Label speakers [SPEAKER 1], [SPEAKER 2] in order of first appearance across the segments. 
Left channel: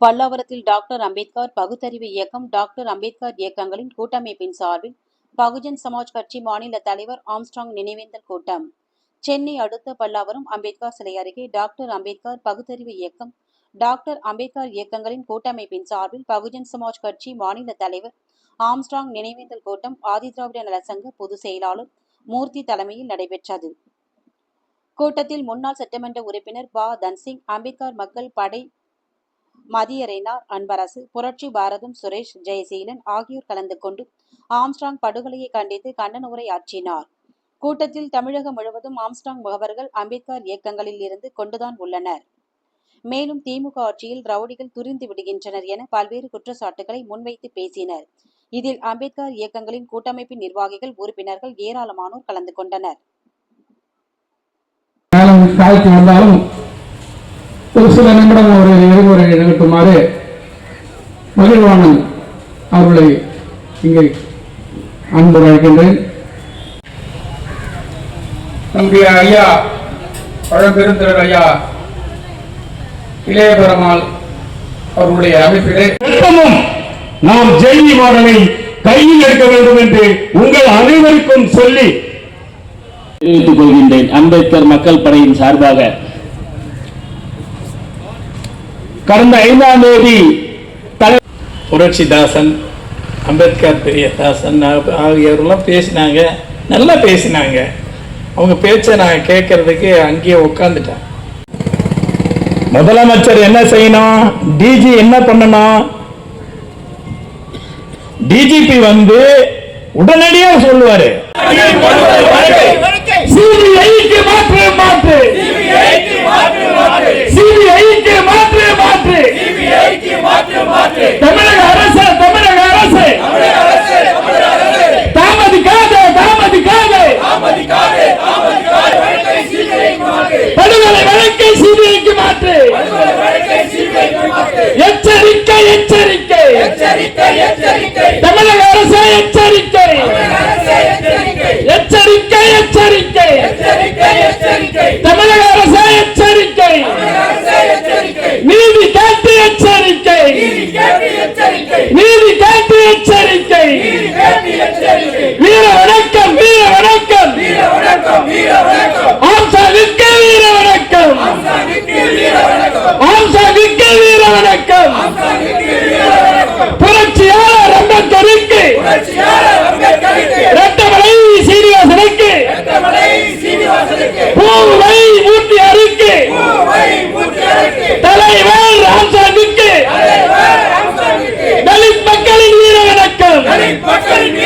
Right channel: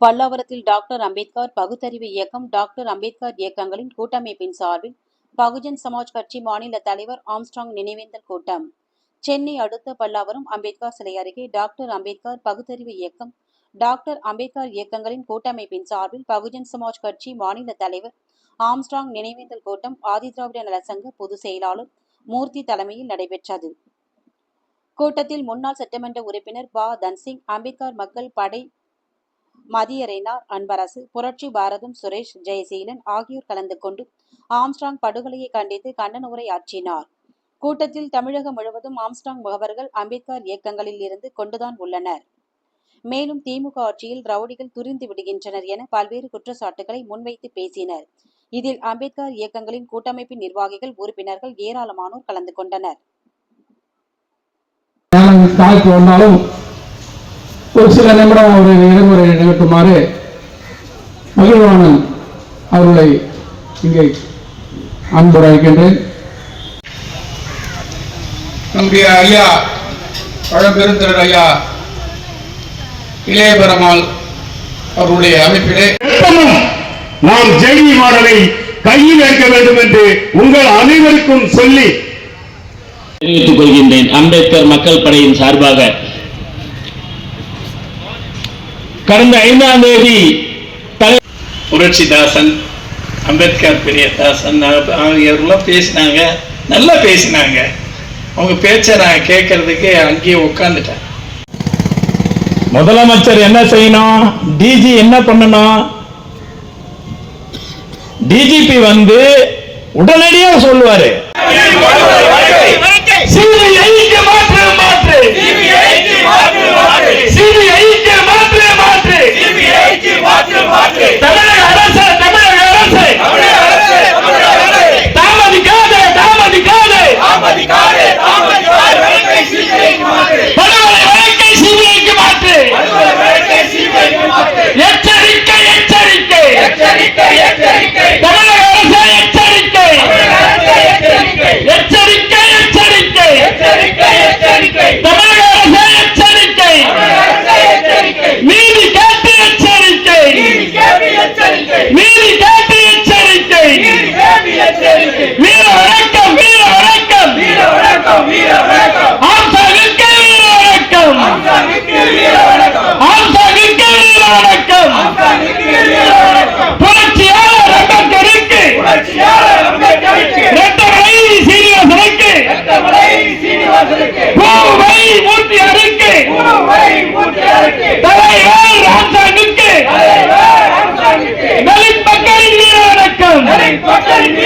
[SPEAKER 1] பல்லாவரத்தில் டாக்டர் அம்பேத்கர் பகுத்தறிவு இயக்கம் டாக்டர் அம்பேத்கர் இயக்கங்களின் கூட்டமைப்பின் சார்பில் பகுஜன் சமாஜ் கட்சி மாநில தலைவர் ஆம்ஸ்ட்ராங் நினைவேந்தல் கூட்டம். சென்னை அடுத்த பல்லாவரம் அம்பேத்கர் சிலை அருகே டாக்டர் அம்பேத்கர் பகுத்தறிவு இயக்கம் டாக்டர் அம்பேத்கர் இயக்கங்களின் கூட்டமைப்பின் சார்பில் பகுஜன் சமாஜ் கட்சி மாநில தலைவர் ஆம்ஸ்ட்ராங் நினைவேந்தல் கூட்டம் ஆதிதிராவிட நலசங்க பொதுச் செயலாளர் மூர்த்தி தலைமையில் நடைபெற்றது. கூட்டத்தில் முன்னாள் சட்டமன்ற உறுப்பினர் பா. தன்சிங் அம்பேத்கர் மக்கள் படை மதியரைனார் அன்பரசு புரட்சி பாரதம் சுரேஷ் ஜெயசீலன் ஆகியோர் கலந்து கொண்டு ஆம்ஸ்டாங் படுகொலையை கண்டித்து கண்டன உரை ஆற்றினார். கூட்டத்தில் தமிழகம் முழுவதும் ஆம்ஸ்டாங் முகவர்கள் அம்பேத்கர் இயக்கங்களில் இருந்து கொண்டுதான் உள்ளனர். மேலும் திமுக ஆட்சியில் ரவுடிகள் துரிந்து விடுகின்றனர் என பல்வேறு குற்றச்சாட்டுகளை முன்வைத்து பேசினர். இதில் அம்பேத்கர் இயக்கங்களின் கூட்டமைப்பின் நிர்வாகிகள் உறுப்பினர்கள் ஏராளமானோர் கலந்து கொண்டனர்.
[SPEAKER 2] ஒரு சில நிமிடம் அவரை இருமுறை நிகழ்த்துமாறு மகிழ்வானன் அவர்களை இங்கே அன்பு அழைக்கின்றேன்.
[SPEAKER 3] நம்முடைய ஐயா பழம்பெருந்தர் ஐயா இளைய பெருமாள் அவர்களுடைய அமைப்பிலே.
[SPEAKER 4] நாம் ஜெய் மாடலை கையில் எடுக்க வேண்டும் என்று உங்கள் அனைவருக்கும் சொல்லி.
[SPEAKER 5] தெரிவித்துக் கொள்கின்றேன். அம்பேத்கர் மக்கள் படையின் சார்பாக கடந்த ஐந்தாம் தேதி
[SPEAKER 6] புரட்சிதாசன் அம்பேத்கர் பெரியதாசன் ஆகியோரெல்லாம் பேசினாங்க நல்லா பேசினாங்க. அவங்க பேச்சை நான் கேட்கறதுக்கு அங்கேயே உட்காந்துட்டேன்
[SPEAKER 4] முதலமைச்சர் என்ன செய்யணும் டிஜி என்ன பண்ணணும் டிஜிபி வந்து உடனடியாக சொல்லுவாரு. சிபிஐக்கு எச்சரிக்கை தலித் மக்களின்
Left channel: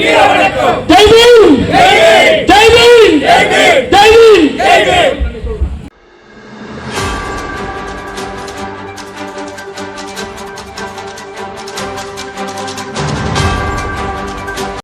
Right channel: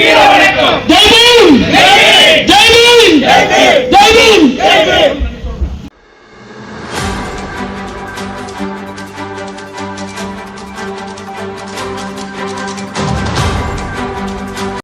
[SPEAKER 4] வீர வணக்கம்.